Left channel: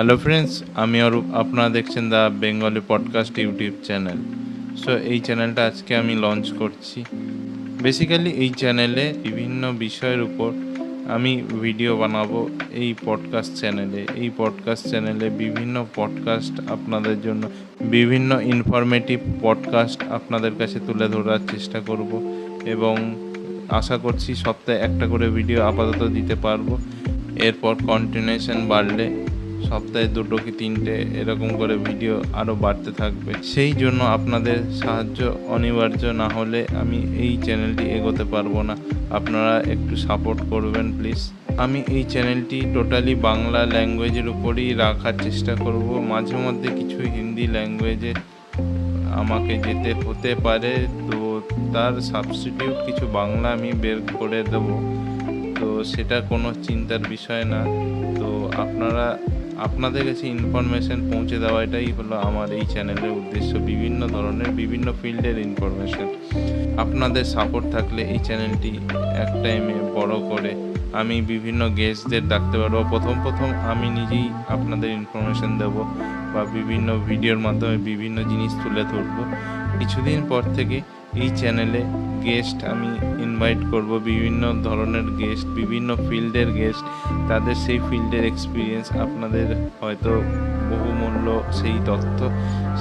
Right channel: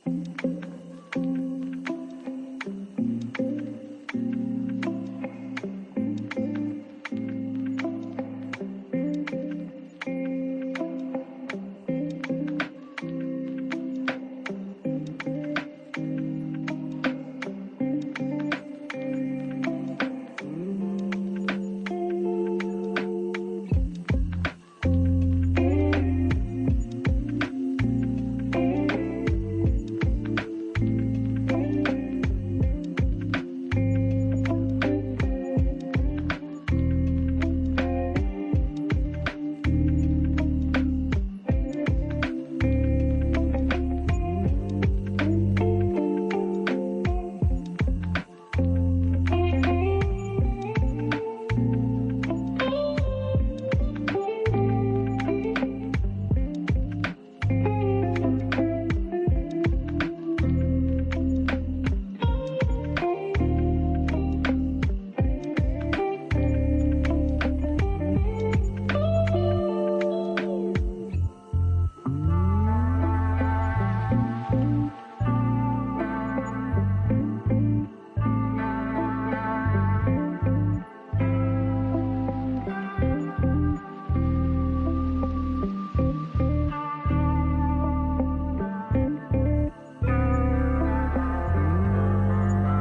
Hello friends, আমি অরূপ। আপনারা দেখছেন the Bengali podcast YouTube channel. So এই চ্যানেলটা আজকে আমি লঞ্চ করছি। বেসিক্যালি এই চ্যানেলে বিভিন্ন বিষয়ের উপর আমি ভিডিও বানাবো। এই পডকাস্ট চ্যানেলে বিভিন্ন পডকাস্ট আপনাদের জন্য, বিভিন্ন ইনফরমেটিভ পডকাস্ট আপনাদের কাছে তুলে ধরার চেষ্টা করব এবং আশা করছি সপ্তাহে একটা করে ভিডিও আপাতত দিতে পারবো। এরপর কন্টিনিউশন বাড়লে সপ্তাহে 2 কি 3টে এরকম করে ভিডিও আরও বাড়তে থাকবে। সেই জন্য আপনাদের সাহায্য অনিবার্য, না হলে আমি এই চ্যানেলটি এগোতে পারবো না। আপনারা একটু সাপোর্ট করবেন প্লিজ। আমি এই চ্যানেলটি টোটালি বাংলা ল্যাঙ্গুয়েজের উপরই রাখার চেষ্টা করব। মাঝে মধ্যে কিছু হিন্দি ল্যাঙ্গুয়েজে আমাকে যেতে হতে পারে, তো তার সাবস্টিটিউট কিছু বাংলা আমি বের করে দেবো। তো সেটা কোনো চিন্তার বিষয় না। তো আপনাদের কাছে ইনফরমেশন পৌঁছে দেওয়া, এটাই হলো আমার এই চ্যানেলের উদ্দেশ্য। বিভিন্ন ধরনের বিভিন্ন ফিল্ডের ইনফরমেশন, আপনাদের সাপোর্ট থাকলে এই চ্যানেলটি এক টাইমে বড় করে আমি বিভিন্ন গেস্টদের ডাকতে পারবো। প্রথম আমি নিজেই আপনাদের ইনফরমেশন দেবো বা বিভিন্ন ভিডিওর মাধ্যমে বিভিন্ন জিনিস তুলে ধরবো। কিছুদিন পর থেকে এই চ্যানেলে গেস্ট আমি ইনভাইট করব, বিভিন্ন ধরনের গেস্ট, বিভিন্ন ফিল্ডের গেস্ট। তাদের সেই ফিল্ডের এক্সপিরিয়েন্স, আপনাদের হয়তো বহুমূল্য সেই তথ্য,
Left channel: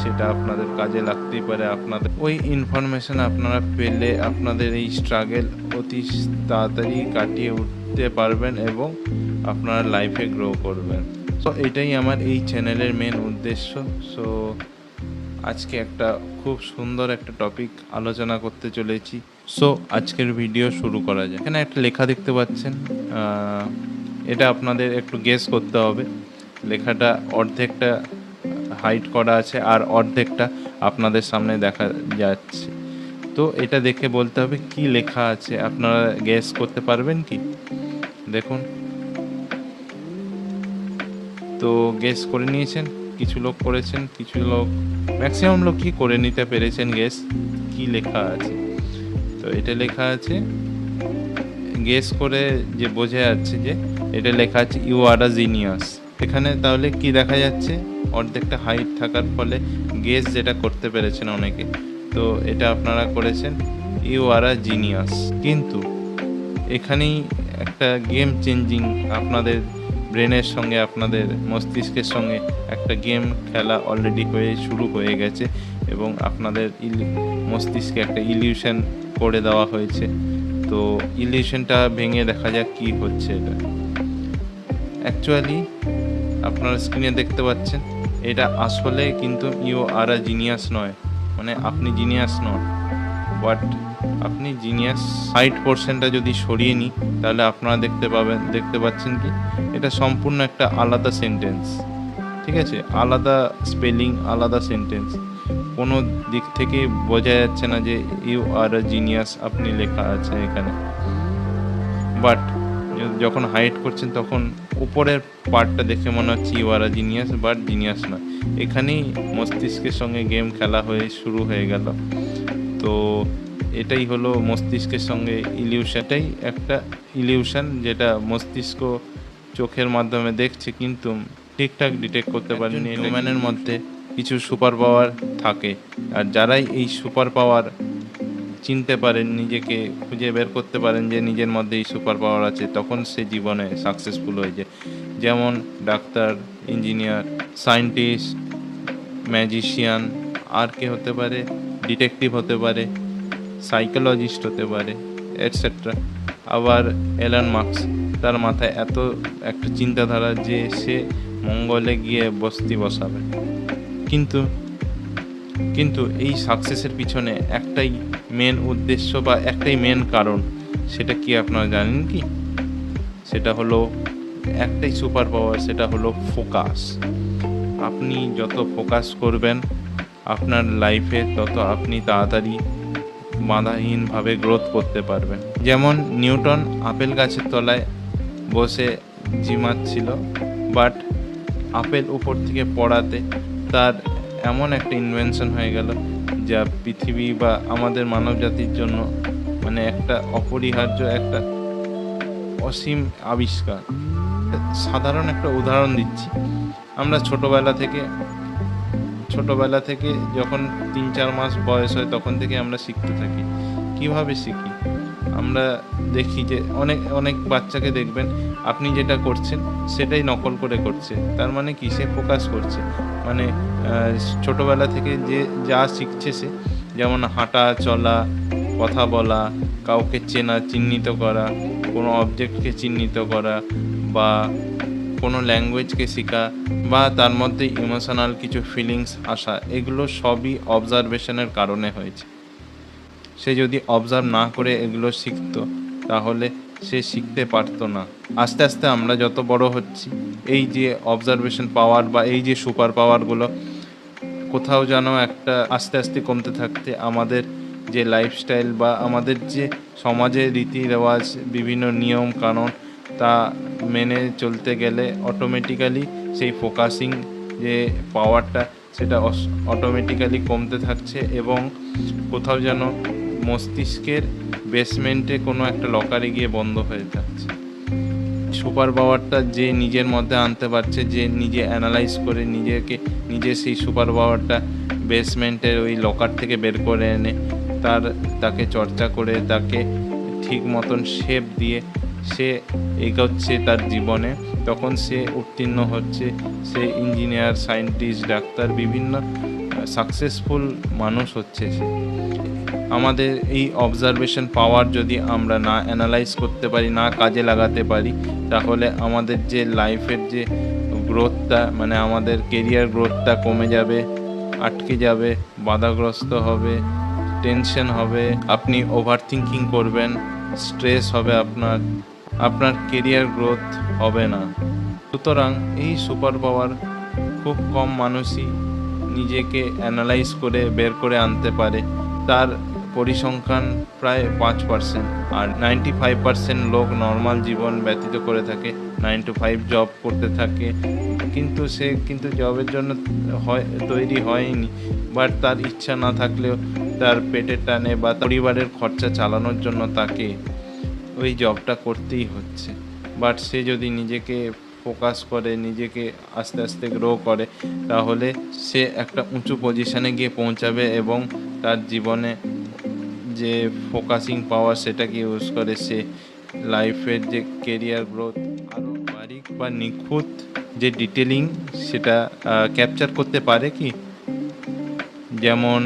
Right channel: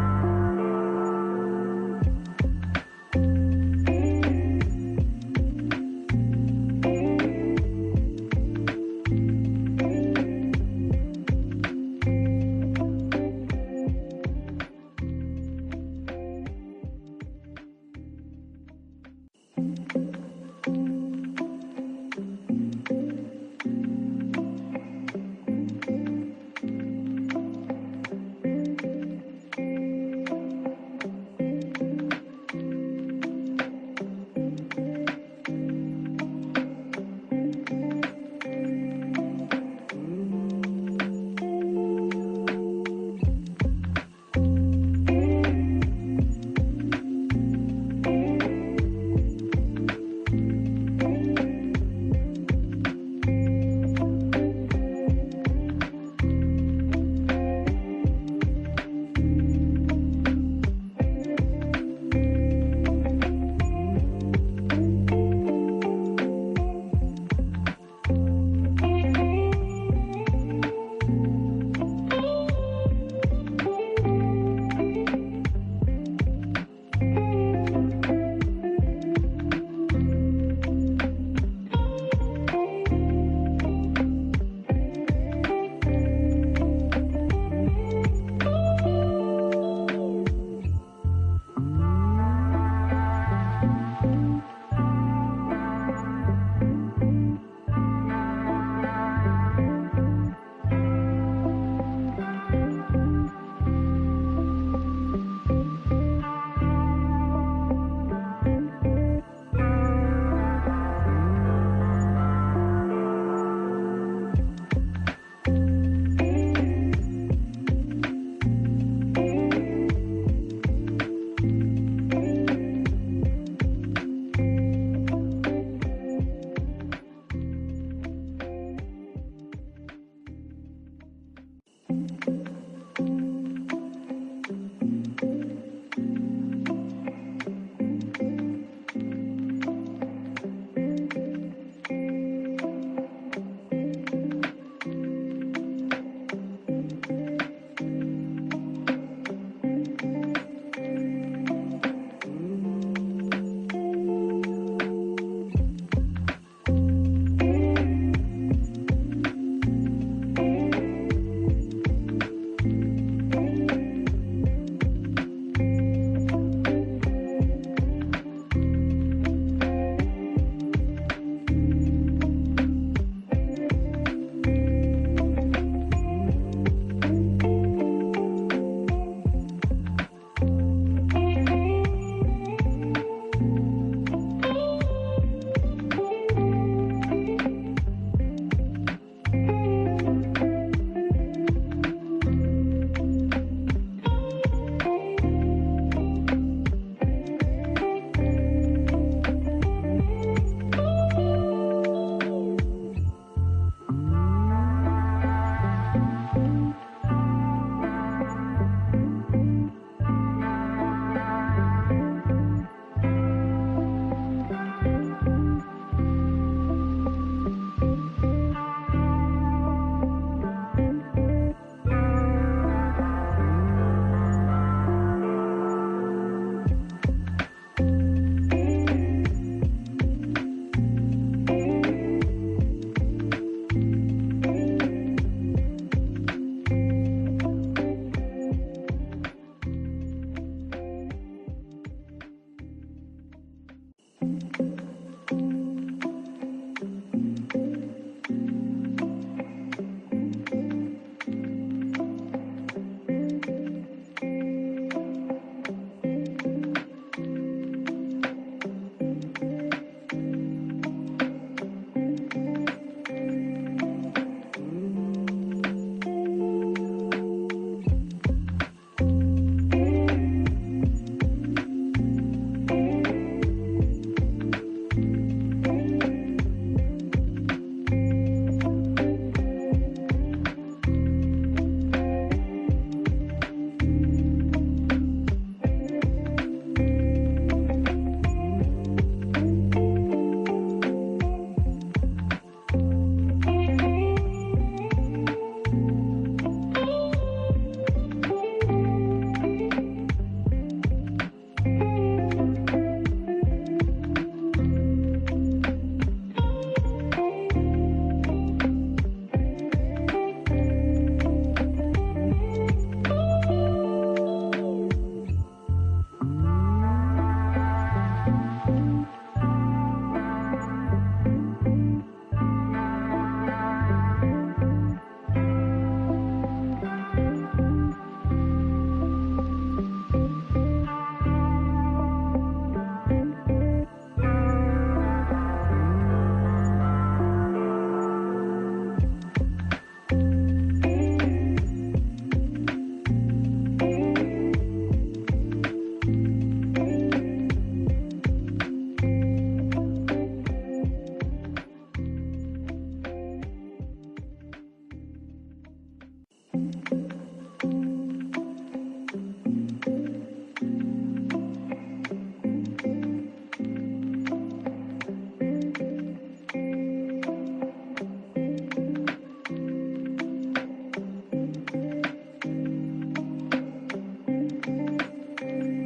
সেটা আপনাদের কাজে লাগতেই পারে। আপনাদের ওই ইনফরমেশন আপনারা পেলে আপনাদের এই স্ট্রাগল অতি তাড়াতাড়ি কাটিয়ে উঠতে পারবেন এবং আপনারা লাইফে গ্রো করবেন। সো এটাই আমার এই চ্যানেলের মেন উদ্দেশ্য। সো আজকে একটা খুব সুন্দর একটা টপিক আলোচনা করতে চলেছি। সো আজকের ভিডিও শুরু করা যায়। এখানে একটা লেখা দেখতে পাচ্ছেন, এটা আপনাদের একটু গেস করতে হবে। লেখাটা অর্ধেকটা হাইড করা আছে আর অর্ধেকটা আপনাদের সামনে দেখা যাচ্ছে। তো এটা দেখে বলতে হবে কি লেখা আছে। আপনারা গেস করতে পারবেন কি? দেখুন, তো গেস করে নিয়েছেন। কিছু লোক করেছেন, কিছু লোক, ম্যাক্সিমাম লোকই করে নিতে পেরেছেন গেস কি লেখা আছে। তো এটা লেখা আছে, গেস করে যে বোঝা যাচ্ছে যে এটা লেখা আছে ইউ আর আ জিনিয়াস। এখানে তাহলে কি দেখা যাচ্ছে? অর্ধেকটা হাইট থাকার ফলে গেস যেটা করতে পেরেছেন অনেকে, তো এটা আপনারা করেছেন ইউ আর আ জিনিয়াস। কিন্তু এখানেই একটা গেম চেঞ্জিং, আপনাদের ব্রেনের সঙ্গে, আপনাদের মস্তিষ্কের সঙ্গে একটা গেম খেলা অলরেডি শুরু হয়ে গেছে এবং আপনাদের মস্তিষ্কে একটা ইলিউশন করে দেওয়া হয়েছে। তো ইলিউশনটা ভেঙে দেখা যাক কি হচ্ছে। এটা অ্যাকচুয়ালি আপনারা স্ক্রিনে দেখতে পাচ্ছেন, এটা আসলে কিন্তু ইউ আর আ জিনিয়াস নয়, মানে আপনি জিনিয়াস নন। বাট আপনি জিনিয়াস সাইড পোর্শনটা যদি সরিয়ে নিই, তাহলে আপনারা দেখতে পাচ্ছেন কি এটা সম্পূর্ণ একটা আলাদা সেন্টেন্স। ঠিক আছে, আলাদা স্পেলিং, আলাদা সেন্টেন্স। কোনো দিক থেকে বোঝা যাচ্ছে না যে ইউ আর আ জিনিয়াস আপনি লেখা আছে এখানে। বাট যখন হাইড করছেন তখন উপরের পার্টটা দেখে মনে হচ্ছে you are a genius, but genius না। এখানেই মস্তিষ্কের সঙ্গে গেম খেলা শুরু হয়ে গেল। তো এটাই হলো মস্তিষ্কের সঙ্গে ইলিউশনটাই একটা ইলিউশন, যেটা মস্তিষ্ক চোখের মাধ্যমে দেখছে কিন্তু ঠিকঠাক ডিটেক্ট করতে পারেনি। হিউম্যানের মধ্যে কিছু সুপার পাওয়ার থাকে, আর যারাই এই সুপার পাওয়ার চিনতে পারেন, নিজেকে খুঁজে বের করতে পারেন যে নিজের মধ্যে এই সুপার পাওয়ার আছে, তখন সে জীবনে সাকসেসফুল হয়ে যায়। যেমন ডাক্তার, ইঞ্জিনিয়ার, সায়েন্টিস্ট, ম্যাজিশিয়ান, আর কে হতে পারে, ডিটেকটিভ হতে পারে, সাইকোলজিস্ট হতে পারে, এটসেট্রা। আবার এলন মাস্ক, তার মাথায় এত একটা চিন্তাধারা যে সে মঙ্গলে গিয়ে বসতি বসাবে। কিন্তু এই সাকসেসের পিছনে একটাই মেন উদ্দেশ্য বা একটাই মেন কারণ। সেটা কি আপনারা জানেন কি? সেটা হলো একটাই সুপার পাওয়ার, সেটা হলো ফোকাস। আপনি যত ফোকাস করবেন আপনার লাইফে, তত আপনি তাড়াতাড়ি বাধাহীনভাবে গ্রোথ করতে পারবেন। যেমন নিউটন আপেল গাছের তলায় বসে ঝিমাচ্ছিল, বাট আপেল উপর থেকে পড়াতে তার এমন একটা ইনভেনশন হয়ে গেল যা পৃথিবী বা আমাদের মানব জাতির জন্য মানে একটা অপরিহার্য, একটা অসীম আবিষ্কার। সাধারণ একটা উদাহরণ দিচ্ছি, আমরা ছোটবেলা থেকে যখন 3-4 মাস বয়স হয় তখন থেকে আমরা শিখতে থাকি। কিভাবে শিখি? আমরা দেখি যে অনেক অনেক বাচ্চাকে দেখবেন আপনি যেটা করছেন সেটাই নকল করে করছে। তার মানে কি? সে ফোকাস করছে। মানে ছোটবেলা থেকে যে যা শিখছে সে, যেমন হাঁটা, চলা, কথা বলা, কাউকে চেনা, চিহ্নিত করা, কোনো অবজেক্টকে চিহ্নিত করা, বা কোনো ল্যাঙ্গুয়েজকে শেখা, বা তার মধ্যে ইমোশনাল কিছু ফিলিংস আসা, এগুলো সবই অবজারভেশনের কারণে হয়েছে। সে যদি অবজার্ভ না করে এগুলো শিখতো তাহলে সে শিখতে পারতো না। আস্তে আস্তে আমরা যত বড় হচ্ছি, এই যে অবজারভেশন পাওয়ার বা এই যে সুপার পাওয়ারগুলো কোথাও যেন একটা আস্তে আস্তে কমতে থাকতে আমাদের যে লাইফস্টাইল বা আমাদের যে সমাজের রীতি রেওয়াজ, বিভিন্ন নিয়ম কানুন, তা মেনে চলতে গেলে অটোমেটিক্যালি সেই ফোকাসিং যে পাওয়ারটা সেটা অটোমেটিক্যালি কমতে থাকছে, এবং কোথাও যেন মস্তিষ্কের বেসমেন্টে কোনো একটা লকারে গিয়ে বন্ধ হয়ে যাচ্ছে। সুপার পাওয়ারটা যে নিজের মধ্যে আনতে পারছে, যে নিজে অ্যানালাইজ করে নিজে সেই সুপার পাওয়ারটা বেসমেন্টের ওই লকার থেকে বের করে এনে তাকে চর্চা করে তাকে ঠিক মতন শেপ দিয়ে সে এগোচ্ছে তার জীবনে, তখন সে উত্তীর্ণ হচ্ছে, সে ইঞ্জিনিয়ার, সায়েন্টিস্ট, ডাক্তার, বিভিন্ন সাকসেসফুল মানুষ হচ্ছে সে। আমাদের এই অবজারভেশন পাওয়ার যদি আমরা না অ্যানালাইজ করতে পারি, না কাজে লাগাতে পারি, তাহলে আমাদের যে লাইফের যে গ্রোথটা, মানে আমাদের কেরিয়ার গ্রোথটা কমে যাবে, আটকে যাবে, বাধাগ্রস্ত হবে, টেনশন হবে, আপনি ওভার থিঙ্কিং করবেন, স্ট্রেস হবে, আপনার কেরিয়ার গ্রোথ হবে না। সুতরাং এই সুপার পাওয়ার খুব কম মানুষই নিজেকে অ্যানালাইজ করে বের করে আনতে পারে। তার পরিসংখ্যান প্রায় 5%, আর 95% লোক নর্মাল জীবন ব্যতীত করে থাকে, 9 to 5 জব করতে থাকে, কিন্তু সে জবের জন্য তৈরি হয়নি, বাট তার ইচ্ছা না থাকলেও তার পেটের টানে বা পরিবারের খরচা চালানোর জন্য তাকে ওই জবটা করতেই হচ্ছে। বাট সে যদি নিজেকে ফোকাস করে, নিজেকে আস্তে আস্তে গ্রো করে, তাহলে সে একটা উঁচু পজিশনে গিয়ে পৌঁছাবে, এবং তার জীবনে যে ফোকাসিং পাওয়ার সেটাকে ইউজ করে সে লাইফের যে কেরিয়ার গ্রোথ আরও বারিক বা নিখুঁত যে ডিটেলিং সেটা ক্যাপচার করতে পারে। কি যেমন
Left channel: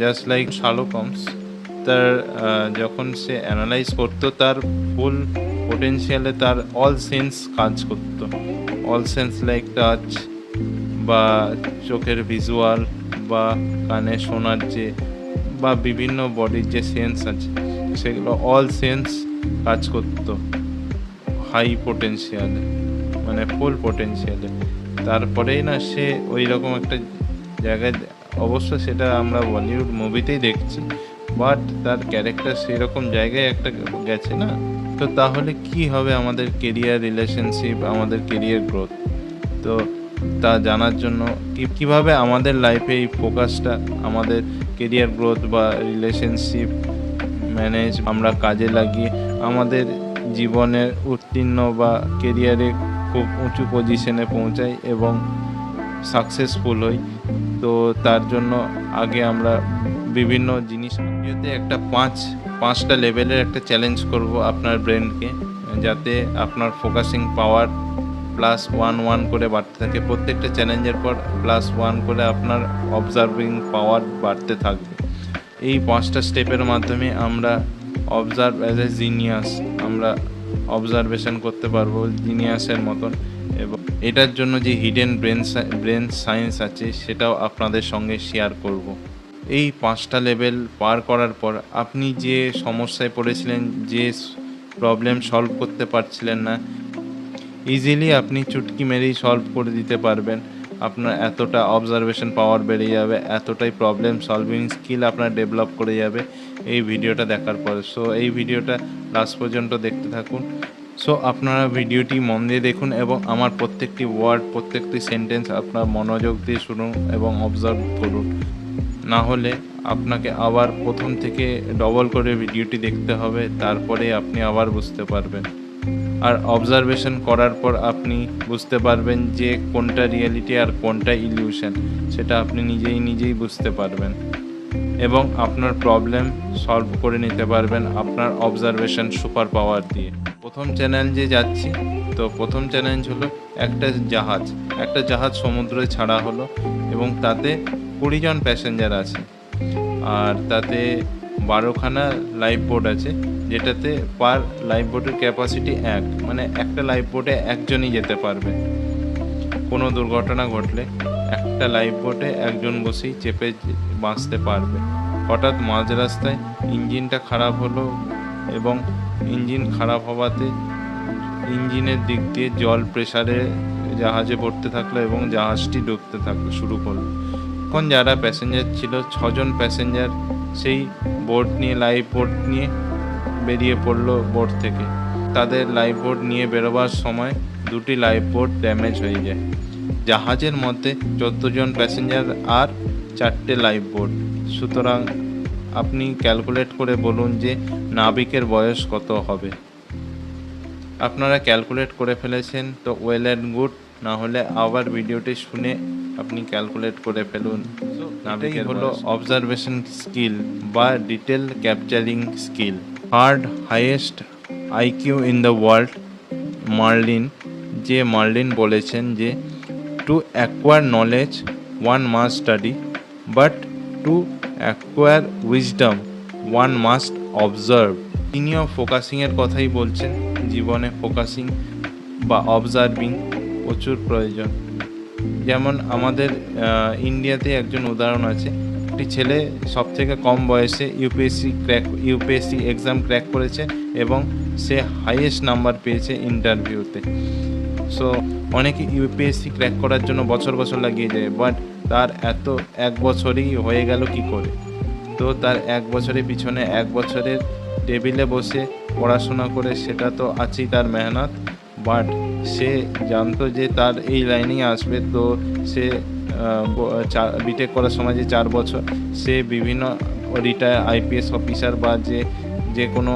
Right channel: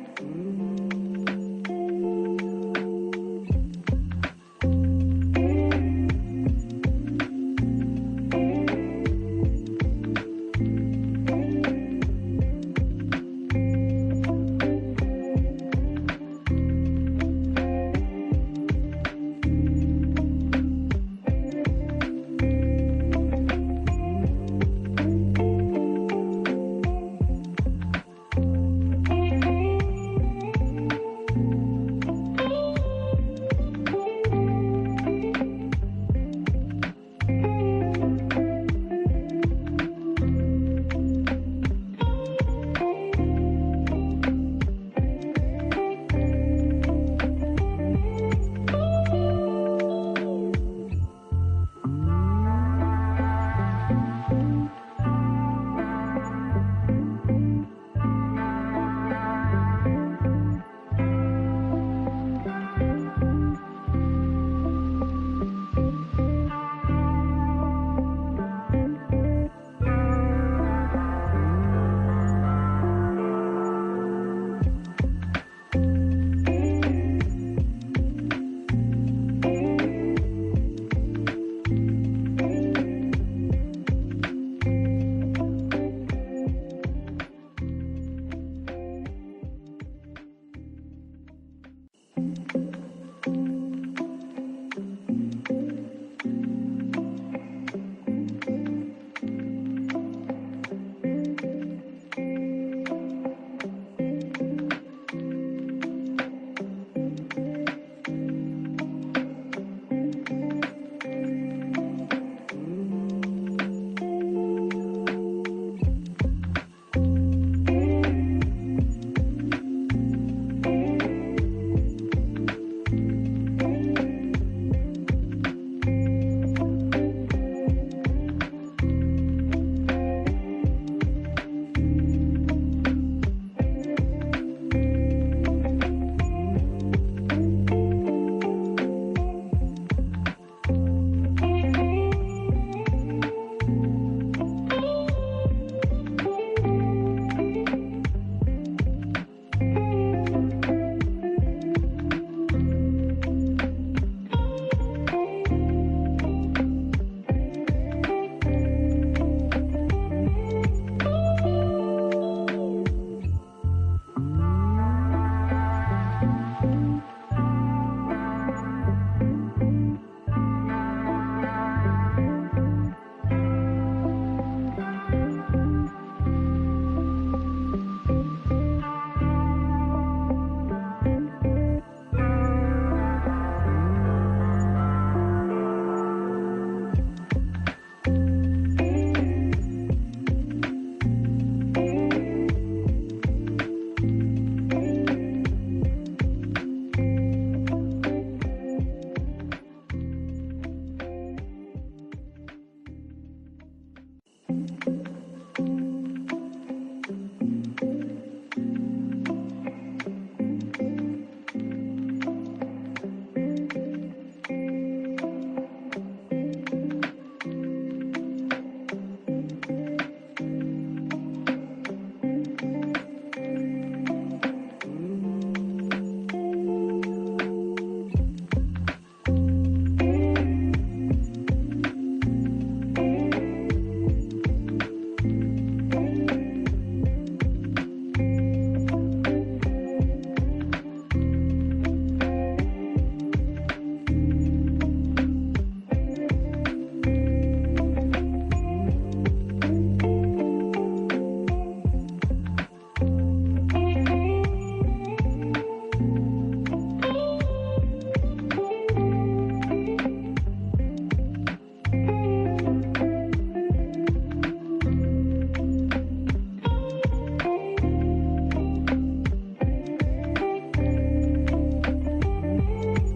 জাস্ট লাইক শার্লক হোমস, তার যখন সে অ্যানালাইজ করতো তার ফুল পোটেনশিয়ালে তার অল সেন্স কাজ করতো। অল সেন্স লাইক টাচ, বা চোখের ভিজুয়াল, বা কানে শোনার বা বিভিন্ন বডির যে সেন্স আছে সেগুলো অল সেন্স কাজ করতো হাই পোটেনশিয়ালে, মানে ফুল পোটেনশিয়ালে। তারপরেই না সে ওই রকম একটা জায়গায়, অবশ্য সেটা আমরা বলিউড মুভিতেই দেখছি, বাট তার ক্যারেক্টার সেরকম জায়গায় একটা গেছে না। তো তাহলে কি হবে আমাদের কেরিয়ার, রিলেশনশিপ, আমাদের কেরিয়ার গ্রোথ? তো তা জানার জন্য কিভাবে আমাদের লাইফে এই ফোকাসটা, আমাদের কেরিয়ার গ্রোথ বা রিলেশনশিপ ম্যানেজ আমরা কাজে লাগিয়ে আমাদের জীবনের উত্তীর্ণ বা কেরিয়ারে খুব উঁচু পজিশনে পৌঁছাই এবং সাকসেসফুল হই, তো তার জন্য আগে আমরা বিভিন্ন জিনিস যদি একটা পাঁচটা লেভেলের একটা চ্যালেঞ্জ করব আপনার ব্রেনকে, যাতে আপনার ফোকাসিং পাওয়ার +1 করে বাড়তে থাকে। প্রত্যেকটা চ্যালেঞ্জের পর +1 করে আপনার অবজার্ভিং পাওয়ার বাড়তে থাকবে। এই 5টা স্টেপের মাধ্যমে আমরা অবজার্ভ অ্যাজ এ জিনিয়াস, আমরা অবজারভেশন করতে পারবো জিনিয়াসের মতন, এবং এটার জন্য যে হিডেন ব্রেন সায়েন্স আছে সেটাও আপনাদের সঙ্গে শেয়ার করব। এই 5টা লেভেল পার করার পর আপনি যে সমস্যায় পড়েছিলেন, যে প্রবলেম সলভ করতে পারছিলেন না, ইজিলি আপনি চুটকি মেরেই সলভ করে দিতে পারবেন। আপনার এতটা অবজারভেশন পাওয়ার বেড়ে যাবে, এতটাই প্রবলেম সলভিং স্কিল আপনার ডেভেলপ করে যাবে এই ভিডিওটা দেখার পরে। সো এই ভিডিওটা লাস্ট পর্যন্ত দেখতে থাকুন। সো আপনারা ভিডিওটি মন দিয়ে দেখুন এবং আমার প্রত্যেকটি ওয়ার্ড, প্রত্যেকটি সেন্টেন্স আপনার মনোযোগ দিয়ে শুনুন এবং অবজার্ভ করুন। না হলে আপনাকে আবার প্রথম থেকে ডবল করে ভিডিওটি দেখতে হবে, তারপরে আপনি আবার বুঝতে পারবেন। আর অবজারভেশন করার পর আপনি বুঝতে পারবেন যে কোনটা রিয়েলিটি আর কোনটা ইলিউশন, সেটা আপনি নিজেই বুঝতে পারবেন এবং আপনার প্রবলেম সলভ করে নিতে পারবেন আপনার অবজারভেশন সুপার পাওয়ার দিয়ে। প্রথম চ্যালেঞ্জে যাচ্ছি। তো প্রথম চ্যালেঞ্জ হলো একটা জাহাজ সমুদ্রে ছাড়া হলো এবং তাতে 20 জন প্যাসেঞ্জার আছে আর তাতে 12খানা লাইফ বোট আছে, যেটাতে পার লাইফ বোটের ক্যাপাসিটি মানে একটা লাইফ বোটে একজনই যেতে পারবে। কোনো দুর্ঘটনা ঘটলে একটা লাইফ বোটে একজন বসেই চেপে বাঁচতে পারবে। হঠাৎ মাঝ রাস্তায় ইঞ্জিনটা খারাপ হলো এবং ইঞ্জিন খারাপ হওয়াতে ইঞ্জিনের দিক দিয়ে জল প্রেসারে জাহাজে পড়তে থাকলো এবং জাহাজটি ডুবতে থাকলো শুরু করলো। এখন যারা প্যাসেঞ্জার ছিল 6 জন প্যাসেঞ্জার সেই লাইফ বোট নিয়ে বেরিয়ে পড়লো বোট থেকে। তাদের লাইফ বোট নিয়ে বেরোবার সময় 2টি লাইফ বোট ড্যামেজ হয়ে যায়। জাহাজের মধ্যে 14 জন প্যাসেঞ্জার আর 4টে লাইফ বোট। সুতরাং আপনি ক্যালকুলেট করে বলুন যে নাবিকের বয়স কত হবে। আপনারা ক্যালকুলেট করে ফেলেছেন তো ওয়েল অ্যান্ড গুড, না হলে আবার ভিডিওটি শুনে আপনি ক্যালকুলেট করে ফেলুন। নাবিকের হলো অবজারভেশন স্কিল বা detail capturing skill. Highest IQ in the world Marilyn বলেছেন যে to acquire knowledge one must study, but to acquire wisdom one must observe. তিনিও ফোকাসিংয়ের কথাই বলছেন। জীবনে ফোকাসিং বা অবজার্ভিং প্রচুর প্রয়োজন। যেমন আমাদের ইন্ডিয়াতে একজন উদাহরণ আছে, একটি ছেলে সব থেকে কম বয়সে ইউপিএসসি এক্সাম ক্র্যাক করেছে এবং সে হাইয়েস্ট নাম্বার পেয়েছে ইন্টারভিউতে। সো অনেকে ইউপিএসসি ক্র্যাক করার জন্য বছর লাগিয়ে যায়, বাট তার এক বছরেই হয়ে গেল কি করে? তো তার 1 বছরের পিছনে 1 বছরের টেবিলে বসে পড়াশোনা করে সেটা তো আছেই তার মেহনত, বাট সে জানতো যে তার এই লাইনেই আসবে। তো সে বিটেক করার সময় যে 4 বছর সে বিভিন্ন রিটায়ার আইপিএস অফিসার বা যে কোনো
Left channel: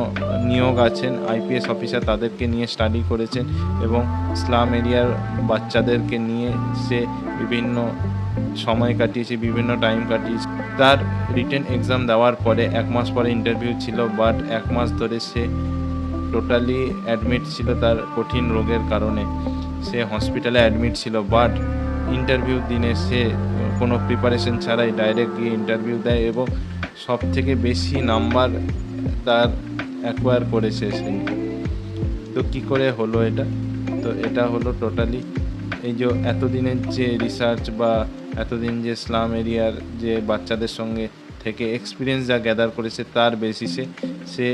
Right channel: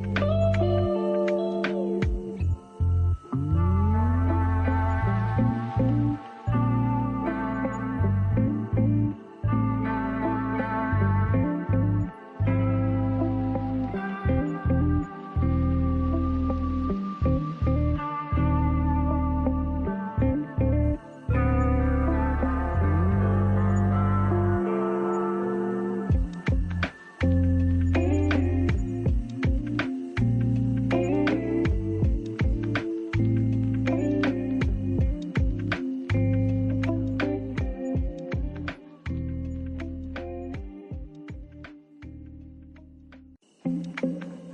নিয়োগ আছেন আইপিএস অফিসার তাদেরকে নিয়ে স্টাডি করেছেন এবং স্লাম এরিয়ার বাচ্চাদেরকে নিয়ে সে বিভিন্ন সময় কাটিয়েছে, বিভিন্ন টাইম কাটিয়েছে। তার রিটেন এক্সাম দেওয়ার পরে 1 মাস পরে ইন্টারভিউ ছিল, বাট 1 মাস ধরে সে টোটালি অ্যাডমিট ছিল তার কঠিন রোগের কারণে। সে হসপিটালে অ্যাডমিট ছিল, বাট ইন্টারভিউ দিনে সে কোনো প্রিপারেশন ছাড়াই ডাইরেক্ট গিয়ে ইন্টারভিউ দেয় এবং সব থেকে বেশি নাম্বার তার অ্যাকোয়ার করেছে সে। তো কী করে হলো এটা? তো এটা হলো টোটালি এই যে এতদিনের যে রিসার্চ বা এতদিন যে স্লাম এরিয়ার যে বাচ্চাদের সঙ্গে থেকে এক্সপিরিয়েন্স যা গ্যাদার করেছে তার বেসিসে সে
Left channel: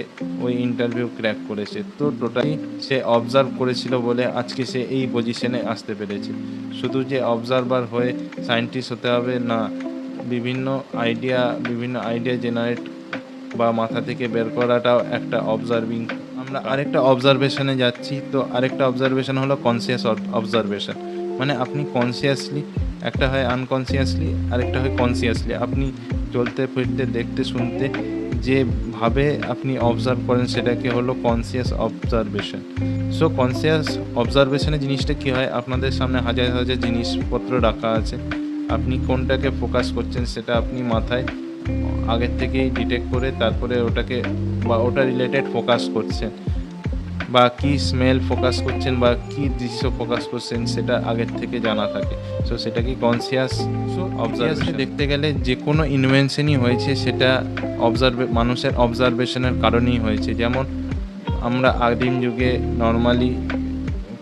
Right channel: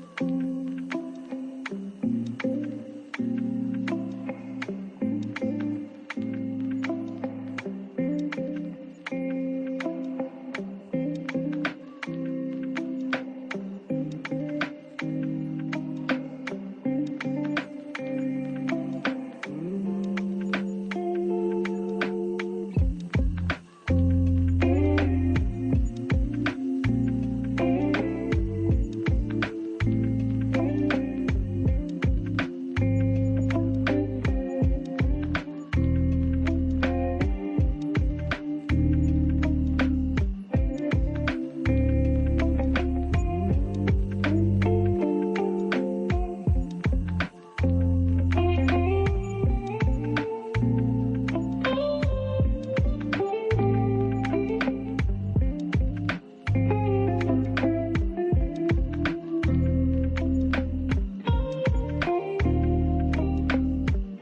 ওই ইন্টারভিউ ক্র্যাক করেছে। তো টোটালি সে অবজার্ভ করেছিল বলে আজকে সে এই পজিশনে আসতে পেরেছে। শুধু যে অবজারভার হয়ে সায়েন্টিস্ট হতে হবে না, বিভিন্ন আইডিয়া জেনারেট বা মাথা থেকে বের করাটাও একটা অবজার্ভিং। আমরা আরেকটা অবজারভেশনে যাচ্ছি। তো আরেকটা অবজারভেশন হলো কনসিয়াস অবজারভেশন। মানে আপনি কনসিয়াসলি, একটা হয় আনকনসিয়াসলি, আরেকটা হয় কনসিয়াসলি। আপনি চলতে ফিরতে দেখতে শুনতে যেভাবে আপনি অবজার্ভ করেন সেটাকে হলো কনসিয়াস অবজারভেশন। সো কনসিয়াস অবজারভেশনের জিনিসটা কী হয়, আপনাদের সামনে হাজার জিনিসপত্র রাখা আছে, আপনি কোনটাকে ফোকাস করছেন সেটা আপনি মাথায় আগের থেকেই ডিটেক্ট করে তারপরে ওটাকে বা ওটা রিলেটেড ফোকাস করছেন, বা কি স্মেল ফোকাস করছেন বা কি দৃশ্য ফোকাস করছেন সেটা আগের থেকে জানা থাকে। সো সেটা কি কনসিয়াস অবজারভেশন। দেখতে গেলে যে কোনো ইনভেনশনই হয়েছে সেটা মানুষের অবজারভেশনের কারণেই হয়েছে। যেমন আমরা আদিম যুগে নর্মালি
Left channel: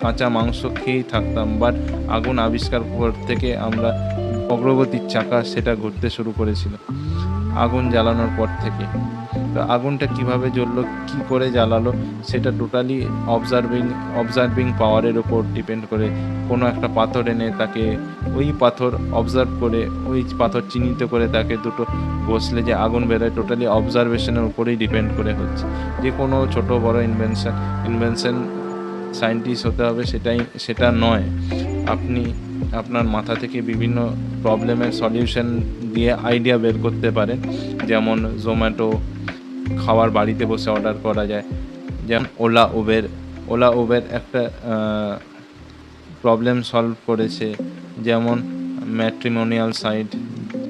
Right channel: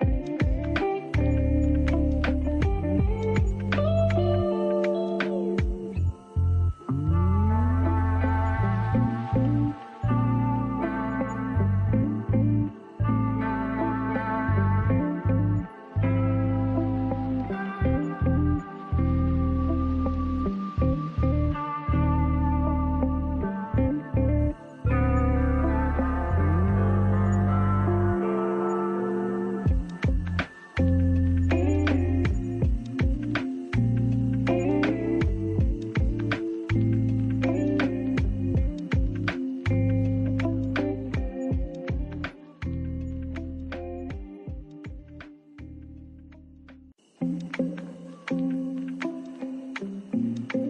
কাঁচা মাংস খেয়েই থাকতাম, বাট আগুন আবিষ্কার পর থেকে আমরা অগ্রগতির চাকা সেটা ঘুরতে শুরু করেছিল আগুন জ্বালানোর পর থেকে। তো আগুনটা কিভাবে জ্বললো, কি করে জ্বালালো, সেটা টোটালি অবজার্ভিং পাওয়ারের ওপর ডিপেন্ড করে। কোনো একটা পাথর এনে তাকে ওই পাথর অবজার্ভ করে ওই পাথর চিহ্নিত করে তাকে দুটো বসলে যে আগুন বেরোয়, টোটালি অবজারভেশনের উপরেই ডিপেন্ড করে হচ্ছে। যে কোনো ছোট বড় ইনভেনশন সায়েন্টিস্ট হতে হবে সেটা নয়। আপনি আপনার মাথা থেকে বিভিন্ন প্রবলেমের সলিউশন দিয়ে আইডিয়া বের করতে পারেন। যেমন জোম্যাটো খাবার বাড়িতে বসে অর্ডার করা যায়, যেমন ওলা উবের ওলা উবের একটা প্রবলেম সলভ করেছে, যেমন ম্যাট্রিমোনিয়াল সাইট,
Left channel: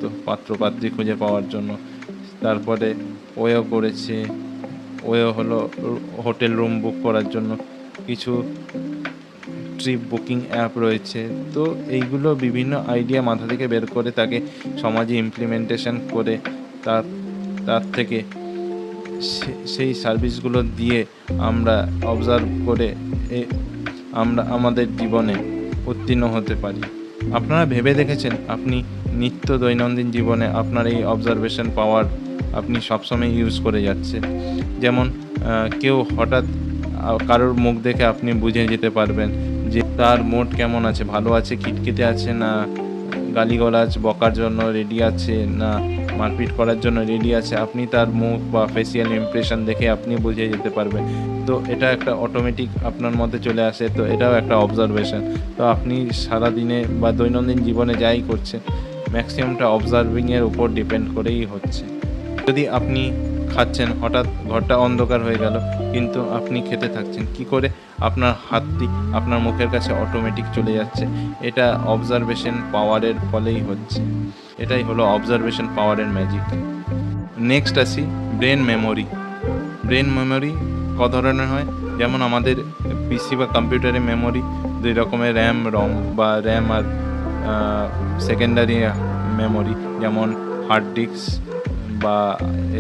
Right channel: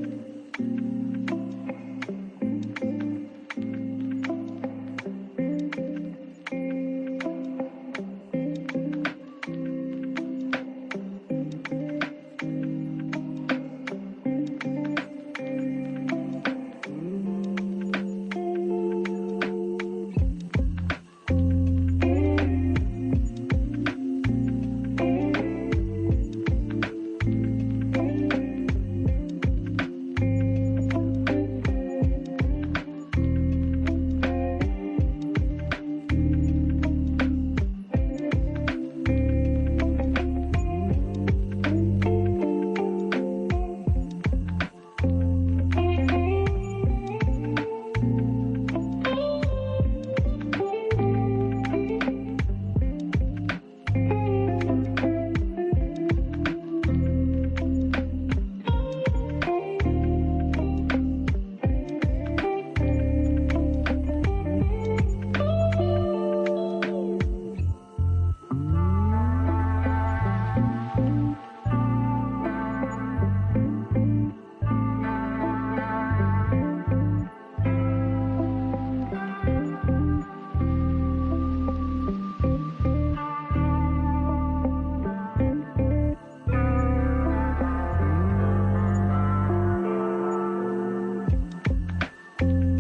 তো পাত্রপাত্রী খুঁজে পাওয়ার জন্য। তারপরে ওয়েও করেছে, ওয়েও হলো হোটেল রুম বুক করার জন্য। কিছু ট্রিপ বুকিং অ্যাপ রয়েছে। তো এইগুলো বিভিন্ন আইডিয়া মাথা থেকে বের করে তাকে সমাজে ইমপ্লিমেন্টেশন করে তার তার থেকে সেই সার্ভিসগুলো দিয়ে আমরা অবজার্ভ করে আমরা আমাদের জীবনে উত্তীর্ণ হতে পারি। আপনারা ভেবে দেখেছেন আপনি নিত্য দৈনন্দিন জীবনে আপনার এই অবজারভেশন পাওয়ার আপনি সবসময় ইউজ করে যাচ্ছে? যেমন কেউ হঠাৎ কারোর মুখ দেখে আপনি বুঝে যেতে পারবেন যে তার মুড কেমন আছে, ভালো আছে, খিটখিটে আছে, না গালিগালাজ বকার জন্য রেডি আছে, না মারপিট করার জন্য রেডি আছে। আপনি তার মুখ বা ফেসিয়াল ইমপ্রেশন দেখে আপনি বুঝে যেতে পারবেন। তো এটা একটা অটোমেটিক আপনার মধ্যে চলে আসে। তো এটাও একটা অবজারভেশন। তো আপনি সারাদিনে বা দৈনন্দিন জীবনে যাই করছেন, ম্যাক্সিমামটা অবজার্ভিংয়ের উপর ডিপেন্ড করেই হচ্ছে। যদি আপনি খাচ্ছেন, হঠাৎ ঘরটা অন্ধকার হয়ে গেল, কিন্তু আপনি খেতে থাকছেন, কি করে আপনার হাতটি আপনার মুখের কাছে অটোমেটিক চলে যাচ্ছে? এটা অবজারভেশন পাওয়ারের ফলেই হচ্ছে। এটাই হলো অবজারভেশন পাওয়ারের ম্যাজিক। নেক্সট আসি ব্রেন মেমোরি। ব্রেন মেমোরি ক ধরনের হয়? যেমন আমাদের পিসি বা কম্পিউটারের মেমোরি দুই রকমের, র্যাম রম বা র্যাম আর সেকেন্ডারি মেমোরি, যেমন হার্ড ডিস্ক বা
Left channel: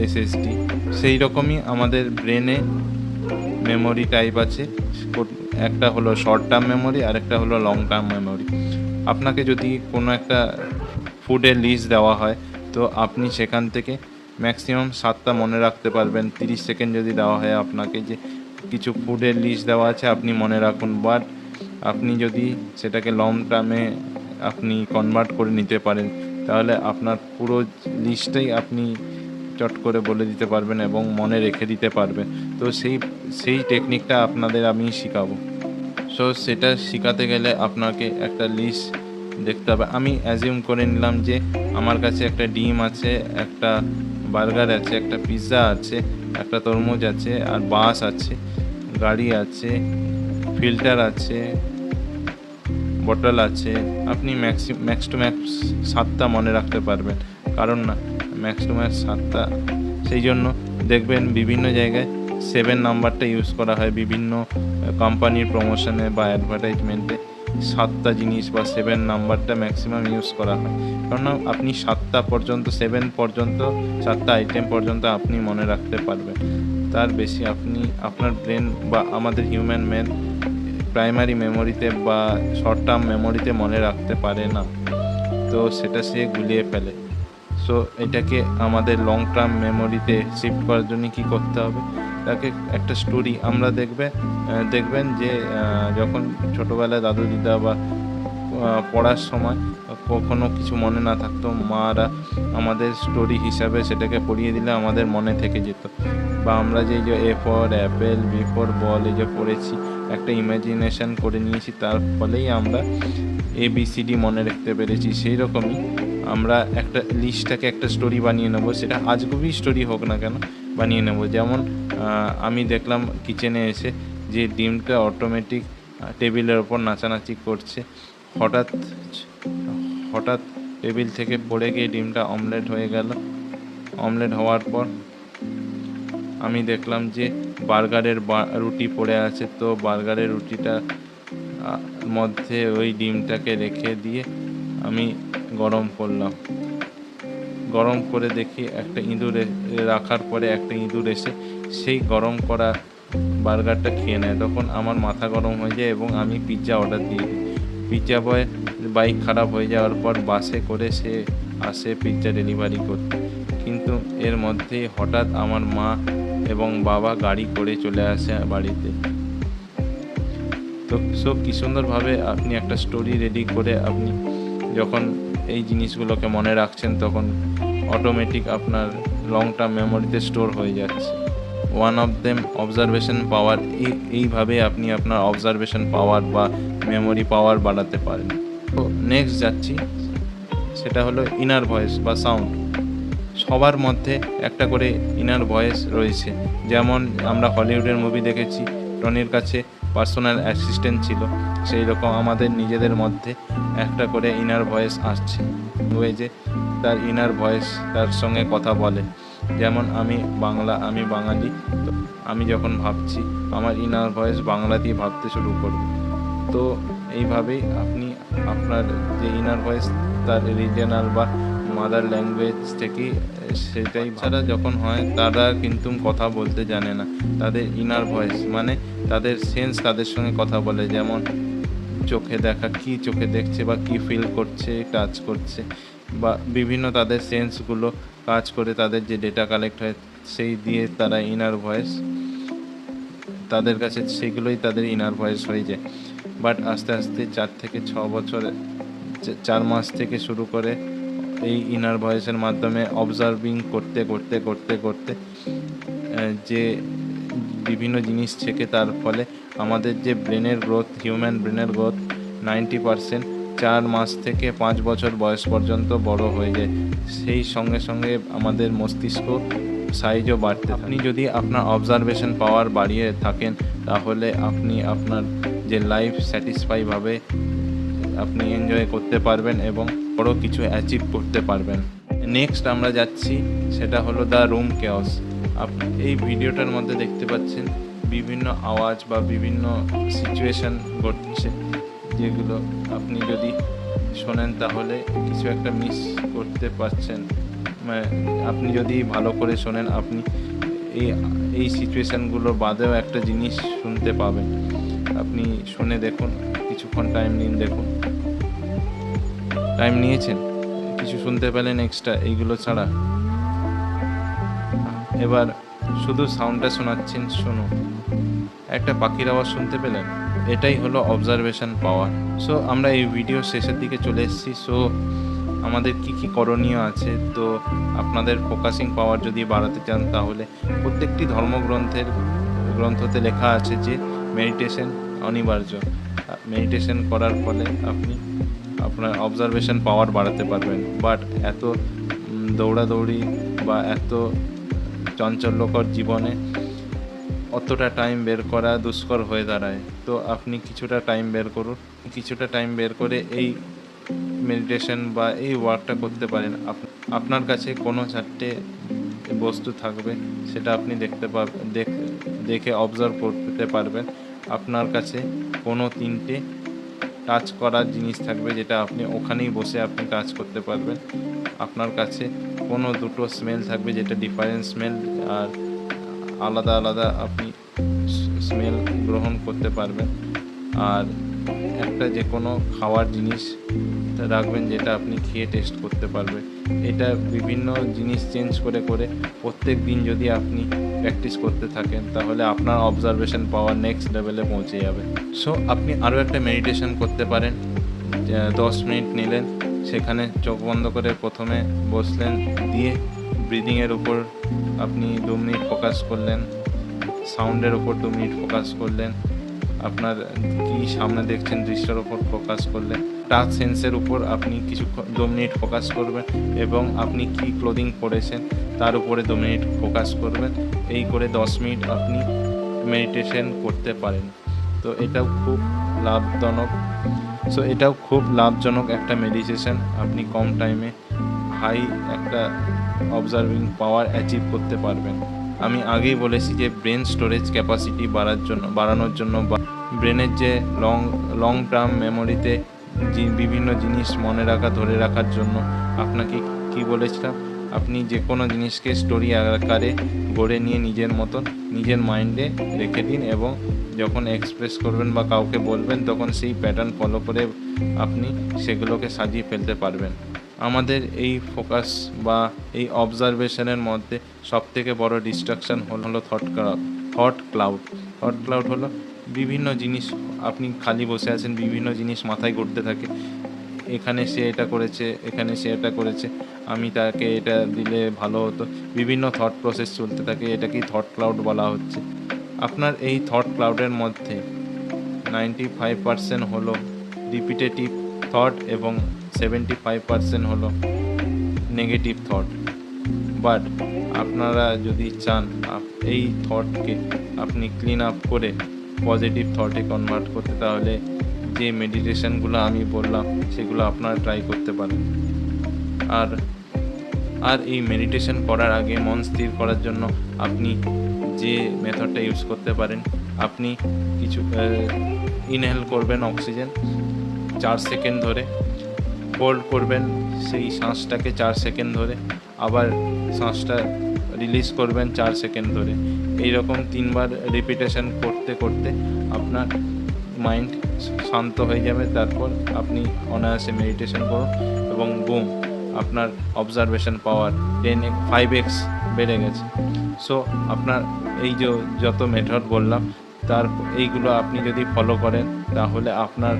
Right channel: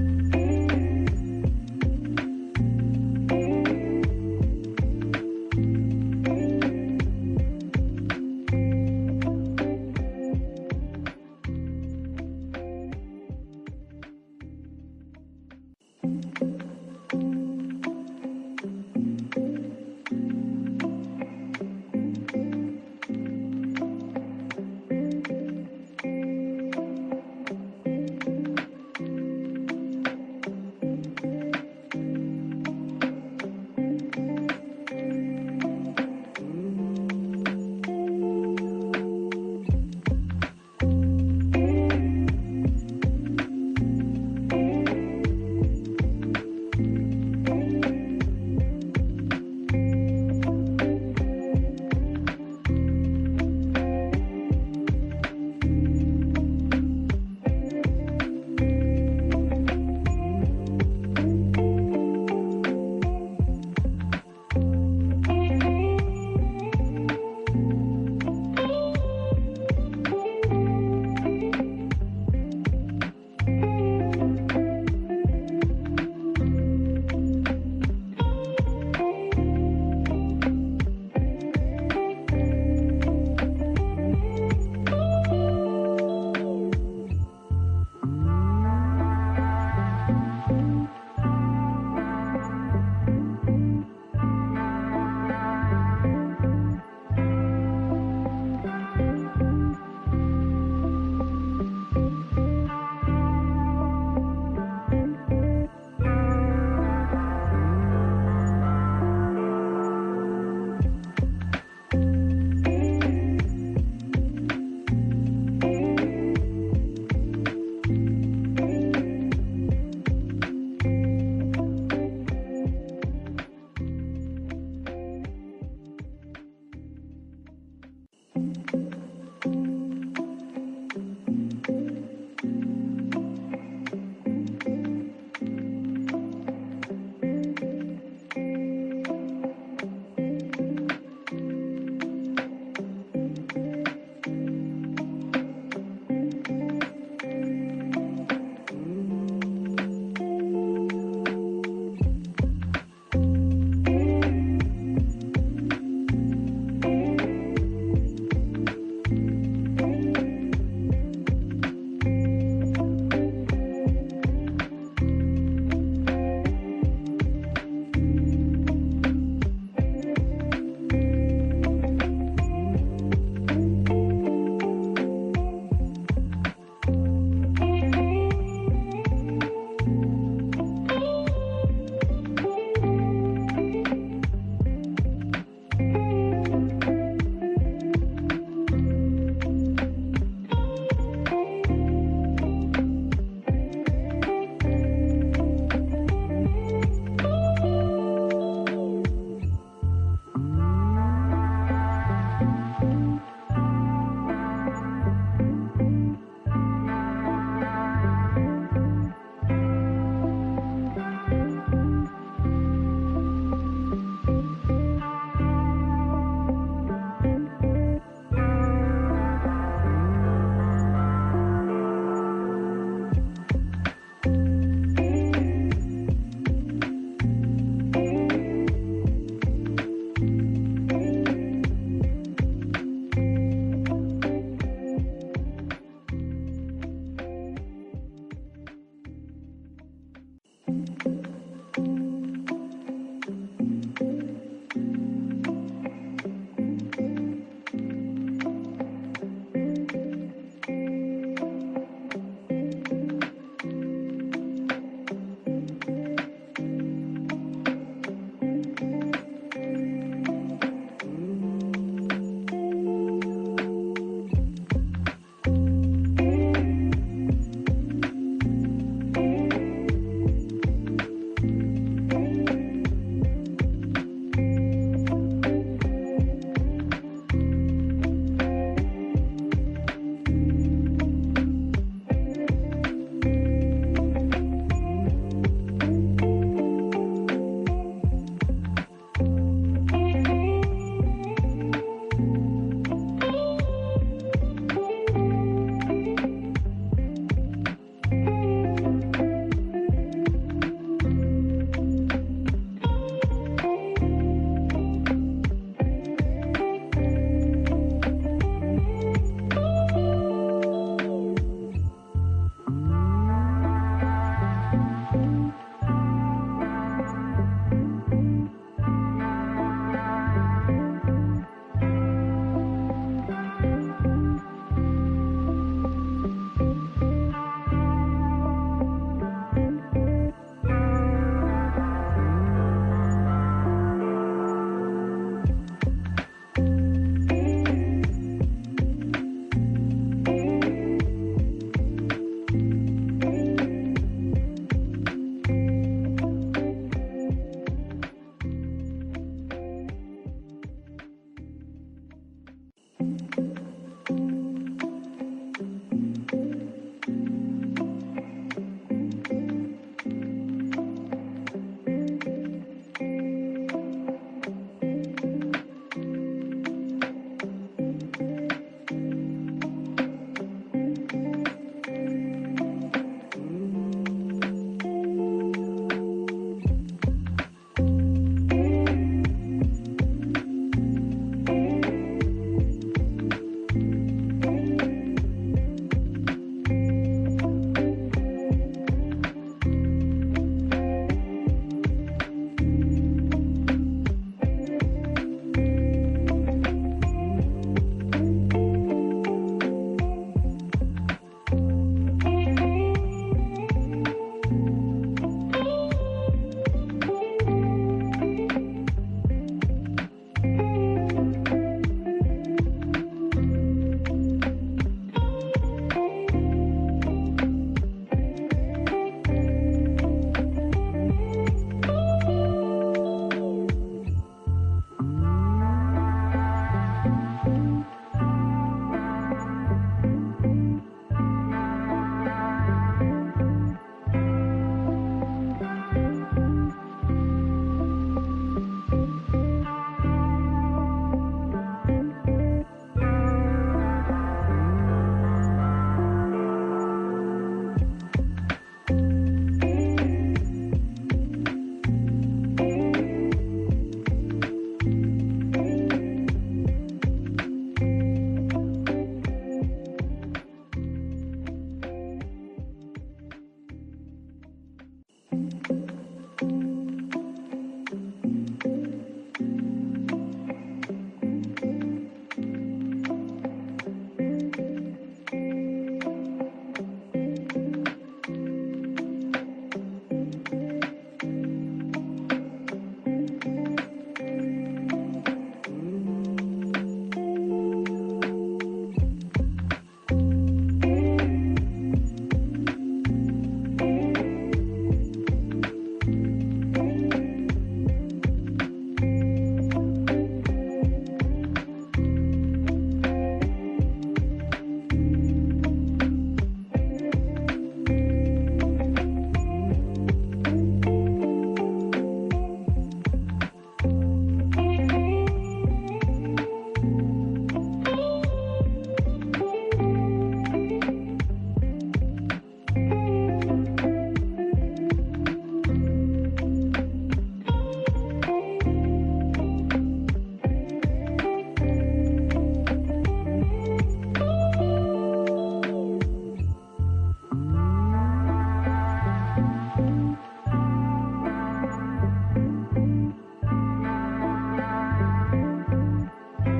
এসএসডি। সেই রকমই আমাদের ব্রেনে মেমোরি টাইপ আছে। একটা হলো শর্ট টার্ম মেমোরি আর একটা হলো লং টার্ম মেমোরি। আপনাকে যদি কোনো একটা ফুডের লিস্ট দেওয়া হয়, তো আপনি সেখান থেকে ম্যাক্সিমাম 7টা মনে রাখতে পারবেন। 30 সেকেন্ড যদি দেওয়া হয় আপনাকে যে কিছু ফুডের লিস্ট দেওয়া আছে, আপনি মনে রাখুন। বাট আপনি যদি সেটাকে লং টার্মে আপনি কনভার্ট করে নিতে পারেন, তাহলে আপনার পুরো লিস্টটাই আপনি চট করে বলে দিতে পারবেন এবং মনে রেখে দিতে পারবেন। তো সেই টেকনিকটা আপনাদের আমি শেখাবো। সো সেটা শেখাতে গেলে আপনাকে একটা লিস্ট দেখতে হবে। আমি অ্যাজিউম করে নিলাম যে আমার কাছে একটা ডিম আছে, একটা বার্গার আছে, একটা পিৎজা আছে, একটা তরমুজ আছে, আর বাস আছে, গাড়ি আছে, ফিল্টার আছে, বটল আছে। আপনি ম্যাক্স টু ম্যাক্স 7টা মনে রাখতে পারবেন, কারণ না ম্যাক্স টু ম্যাক্স 7টা। সেই জন্য দেখবেন বিভিন্ন জায়গায় 7 নাম্বারটা ইউজ করা হয়, বিভিন্ন কোম্পানির প্রমোশনে বা অ্যাডভার্টাইজমেন্টে 7টা জিনিস বা 7 নাম্বারটা ম্যাক্সিমাম ইউজ করা হয়। কারণ আপনি 7টা পর্যন্ত, 7 পর্যন্ত, 7টা আইটেম পর্যন্ত আপনি মনে রাখতে পারবেন। তার বেশি আপনি আপনার ব্রেন বা আমাদের হিউম্যান ম্যান প্রাইমারি মেমোরিতে বা শর্ট টার্ম মেমোরিতে মনে রাখতে পারে না, তো সেটা সে গুলিয়ে ফেলে। সো এটাকে আমাদের লং টার্ম মেমোরিতে শিফট করার জন্য কী করতে হবে? তাকে একটা স্টোরি, আমরা দেখবেন যে যখন ছোটোবেলায় দাদু দিদা বা পড়ার সময় কখনো কিছু মনে না থাকতো, মারা আমাদের স্টোরি হিসাবে সেটাকে পড়িয়ে দিলে আমাদের মনে থেকে যেত। বা আমরা যে A for apple, B for ball এই যে পড়েছি, একটা ইমাজিনেশন করে নিয়েছি, তার ফলেই আমরা ABCD মনে রাখতে পেরেছি। সেই রকমই আমরা একটা লিস্টটাকে একটা স্টোরি বানিয়ে নেবো, সেটা আজগুবি স্টোরি হোক না কেন বানিয়ে নেবো। যেমন আমি দেখলাম কিচেনে এসে যে ডিমটা অটোমেটিক টেবিলের ওপর নাচানাচি করছে, হঠাৎ টেবিল থেকে পড়ে গিয়ে ডিমটা অমলেট হয়ে গেল। অমলেট হওয়ার পর আমি দেখলাম যে বার্গারের রুটি পড়ে আছে, তো বার্গারের রুটিটা মধ্যে ওই ডিমটাকে রেখে দিয়ে আমি গরম করলাম। গরম করে দেখি একটা ইঁদুর রাখার পরে একটা ইঁদুর এসে সেই গরম করা বার্গারটা খেয়ে নেয়। তখন আমার মাথা গরম হয়ে যায় এবং আমি পিৎজা অর্ডার দিই। পিৎজা বয় বাইক খারাপ হয়ে যাওয়ার পর বাসে করে সে আসে পিৎজা ডেলিভারি করতে, কিন্তু এর মধ্যেই হঠাৎ আমার মা এবং বাবা গাড়ি করে চলে আসে বাড়িতে। তো সব কি সুন্দরভাবে আপনি একটা স্টোরি রেডি করে আপনি যখন এই জিনিসগুলোকে মনে রাখছেন, তখন অটোমেটিক আপনার লং টার্ম মেমোরিতে স্টোর হয়ে যাচ্ছে। ওয়ান অফ দেম অবজারভেশন পাওয়ার। এইভাবে আপনি আপনার অবজারভেশন পাওয়ার বা মেমোরি পাওয়ার বাড়াতে পারেন। তো নেক্সট যাচ্ছি, সেটা হলো ইনার ভয়েস বা সাউন্ড। সবার মধ্যে একটা করে ইনার ভয়েস রয়েছে। যেমন আমরা হলিউডের মুভি দেখেছি, টনির কাছে পার্সোনাল অ্যাসিস্ট্যান্ট ছিল, সেই রকম আমাদের নিজেদের মধ্যে একটা করে ইনার ভয়েস আসছে, ওই যে তার ইনার ভয়েস তার সঙ্গে কথা বলে। যেমন আমি বাঙালি, তো আমি যখন ভাবছি আমার ইনার ভয়েস বাংলা দিয়ে ভাবতে শুরু করবে। তো এইভাবেই আপনি আপনার যে ইনার ভয়েস তার রিজিয়নাল বা মাদার ল্যাঙ্গুয়েজ থেকেই সেটাই ছাড়া যখন হয় তারা কিন্তু কথা বলতে জানে না, তাদের ইনার ভয়েস মানে তাদের সেন্স তাদের সঙ্গে কথা বলে। যেমন চোখে দেখা, কি চোখে দেখছে বা কি ফিল করছে, টাচ করছে, বা বিভিন্ন তাদের সেন্সগুলো কাজ করে, তাদের যে ডেটা কালেক্ট হয় সেই দিয়ে তারা ইনার ভয়েস তাদের কাছে সেগুলোই তাদের ইনার ভয়েস হয়ে যায়। বাট আস্তে আস্তে 4 থেকে 6 বছর 4 মাস থেকে শুরু করে এই ইনার ভয়েসের মাধ্যমে অবজার্ভিং করতে করতে করতে করতে যে বিভিন্ন জিনিস থেকে তার ফলে আমাদের যে ব্রেনের গ্রোথ, হিউম্যান ব্রেনের গ্রোথ 90% 4 মাস থেকে 5 বছর বয়স পর্যন্ত বড় হয়ে যায়। সেই সঙ্গে সঙ্গে আমাদের মস্তিষ্ক সাইজও বাড়তে। আপনি যদি আপনার অবজারভেশন পাওয়ার বাড়িয়ে থাকেন তাহলে আপনি আপনার যে লাইফ স্যাটিসফাইভাবে আপনি এনজয় করতে পারবেন এবং বড় কিছু অ্যাচিভ করতে পারবেন। নেক্সট আমরা যাচ্ছি, সেটা হলো দ্য রুম কেওস। আপনি এই ভিডিওটার মধ্যে দেখতে পাচ্ছেন বিভিন্ন আওয়াজ বা বিভিন্ন সিচুয়েশন ঘটছে, যেগুলো আপনি যদি শোনেন তাহলে কিছু একটা মিস করতে পারছেন। আপনি যদি ভালো করে শোনেন আপনি এই সিচুয়েশানগুলো বাদেও একটা জিনিস শুনতে পাবেন। আপনি শুনে দেখুন, কিছুক্ষণ টাইম নিন, দেখুন টাইম নিয়েছেন, কিছু শুনতে পেলেন এক্সট্রা এইগুলো ছাড়া। এবার শুধু সাউন্ডটা শোনাচ্ছেন, শুনুন, একটা পাখির আওয়াজ শুনতে পেলেন, এটাই হলো অবজারভেশন পাওয়ার। সো আমরা এই ভিডিও শেষের দিকে চলে এসেছি। সো আমাদের কি কি করণীয় আছে, তো আপনাদের ফোকাসিং পাওয়ার যদি বাড়াতে চান তাহলে প্রত্যেকটি ধর্মগ্রন্থতে লেখা আছে যে মেডিটেশন অনিবার্য। মেডিটেশন করার ফলে আপনি আপনার অবজারভেশন পাওয়ার বাড়াতে পারবেন। বাট এত দৌড়াদৌড়ি বা এত চাঞ্চল্যকর জীবনে অতটা টাইম বের করা দুষ্কর হয়ে দাঁড়ায়। তো আপনি কিছুটা টাইম বের করুন, কিছুটা টাইম বের করে এই মেডিটেশন বা এই ওয়ার্কটা করতে পারেন। আপনার কাছে কোনো 4টে বস্তু থাকবে, সেটা আপনি দেখে অবজার্ভ করতে পারবেন। আপনার কাছে কোনো 3টে টাচ করার জিনিস থাকবে, যেটা আপনি ওখানেই বসে আপনি টাচ করতে পারবেন। আপনার কাছে কোনো 2টো স্মেল থাকবে, যেটা ডিফারেন্ট স্মেল, আর আলাদা আলাদা আপনি স্মেল গ্রহণ করতে পারবেন। আর একটা যে কোনো খাওয়ার জিনিস রাখবেন, যেটা আপনি খেয়ে টেস্ট করতে পারবেন। এটা বিভিন্ন জিনিস চেঞ্জ করে করে প্রত্যেক দিন যদি আপনি প্র্যাকটিস করতে থাকেন তাহলে আপনার অবজারভেশন পাওয়ার নেক্সট লেভেলে পৌঁছে যাবে। সো আপনি আরও একটা মেডিটেশন করতে পারেন। 10 মিনিট নিলেন, সেখানে চোখ বন্ধ করে প্রথমে বসলেন, দিয়ে ব্রিদিংয়ের উপর আপনি 2 মিনিট ফোকাস করলেন, সাউন্ডের উপর 2 মিনিট ফোকাস করলেন, আপনার কি সামনে দেখছেন দৃশ্যের উপর ফোকাস করলেন, টাচ সেন্সের উপর আপনি 2 মিনিট ফোকাস করবেন, এবং আপনি কি ক্লোদিং পরেছেন তার উপরে 2 মিনিট ফোকাস করবেন। এই করে 10 মিনিট আপনি মেডিটেশন করতে পারেন। তো এটাও খুব লাভজনক একটা মেডিটেশন। আপনি কম টাইমে হাই একটা অবজার্ভিং পাওয়ার অ্যাচিভ করতে পারবেন। আমি আগেই বলেছি যে ব্রেন স্টোরেজ ক্যাপাসিটি বাড়ানোর জন্য বা ব্রেনের যে লং টার্ম মেমোরিতে যে বিভিন্ন জিনিস ধরে রাখার জন্য আপনাকে কি বলেছিলাম, আপনি যে কোনো জিনিসকে স্টোরি আকারে গড়ে নিয়ে নিজের মতন নিজের মাইন্ডে রেখে দিন, এবং যখন এক্সপ্রেস করবেন বা কাউকে বলবেন তখন সেই প্যাটার্ন ফলো করে আপনি সেগুলোকে সাজিয়ে ফেলতে পারবেন। আমাদের এই ফোকাস বা এই অবজারভেশনের মধ্যে সবথেকে বড় ডিস্ট্রাকশন হলো থট ক্লাউড হলো বিভিন্ন জিনিস, আপনি খালি বসে আছেন, বিভিন্ন জিনিস মাথায় ঘুরতে থাকে, এখানে সে এটা করেছে, এখানে সে এটা করেছে, আমি তাকে এটা দিলে ভালো হতো, বিভিন্ন থট প্রসেস চলতে থাকে, এটাকেই থট ক্লাউড বলা হচ্ছে। আপনার এই থট ক্লাউডের মধ্যে 95% হলো রিপিটেটিভ থট এবং 75% হলো নেগেটিভ থট। বাট আপনারা যদি চান এই থটকে আপনি ক্লিন আপ করে পজিটিভ থটে কনভার্ট করতে, তাহলে যে মেডিটেশনগুলো আমি বললাম সেগুলো আপনারা ট্রাই করতে পারেন। আর আর এই মেডিটেশন করার আগে মন স্থির করার জন্য আপনি যে মেথডটা ইউজ করতে পারেন, আপনি কিছু ইনহেল করবেন অক্সিজেন 4 সেকেন্ড ধরে, হোল্ড করবেন সেই শ্বাসটাকে 4 সেকেন্ড ধরে, আবার শ্বাসটা রিলিজ করবেন 4 সেকেন্ড ধরে। এইরকম 3 বার রিপিটেশন করতে করতে আপনার মাইন্ড শান্ত হয়ে যাবে। তারপর আপনি অনায়াসে মেডিটেশন করুন এবং বুম, আপনার অবজারভেশন পাওয়ার 5x বেড়ে গেছে। সো আপনার এই যে যত মেথড বললাম তার এইগুলো আপনি যদি ফলো করেন তাহলে আপনার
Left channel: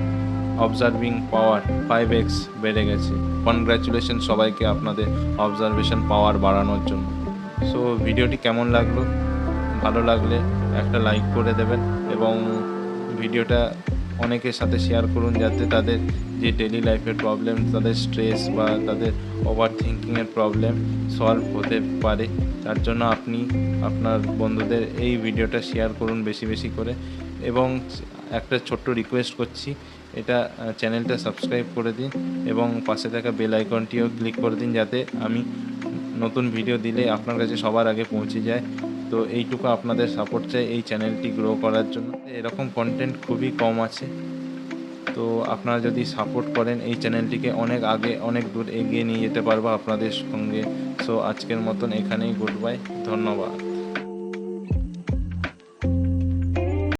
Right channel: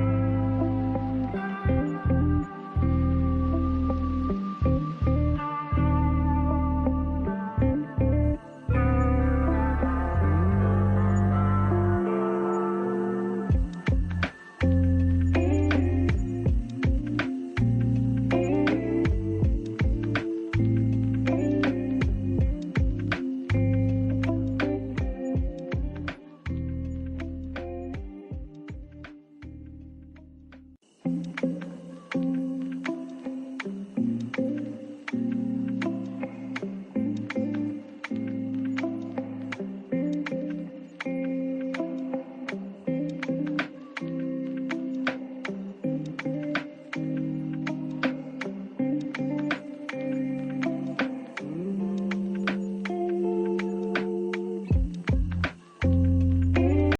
অবজারভিং পাওয়ার 5x বেড়ে গেছে। কনগ্র্যাচুলেশন সবাইকে আপনাদের অবজারভেশন পাওয়ার বাড়ানোর জন্য। সো ভিডিওটি কেমন লাগলো? ভালো লাগলে একটা লাইক করে দেবেন এবং ভিডিওটা অনেকের সাথে শেয়ার করুন, যাতে তাদের যে ডেলি লাইফের প্রবলেম, তাদের স্ট্রেস বা তাদের ওভার থিঙ্কিংয়ের প্রবলেম সলভ হতে পারে। তার জন্য আপনি আপনার বন্ধুদের এই ভিডিওটা শেয়ার করুন বেশি বেশি করে। এবং একটা ছোট্ট রিকোয়েস্ট করছি, এটা চ্যানেলটা সাবস্ক্রাইব করে দিন এবং পাশে থাকা বেল আইকনটিও ক্লিক করে দিন, যাতে আমি নতুন ভিডিও দিলে আপনার কাছে সবার আগে পৌঁছে যায়। তো এইটুকু আপনাদের সাপোর্ট চাই এই চ্যানেলটি গ্রো করার জন্য। এরকম কন্টেন্ট খুবই কম আছে, তো আপনারা যদি সাপোর্ট করেন এই চ্যানেলটিকে অনেক আগে অনেক দূর এগিয়ে নিয়ে যেতে পারবো আপনাদের সঙ্গে। সো আজকের মতন এখানেই গুড বাই, ধন্যবাদ।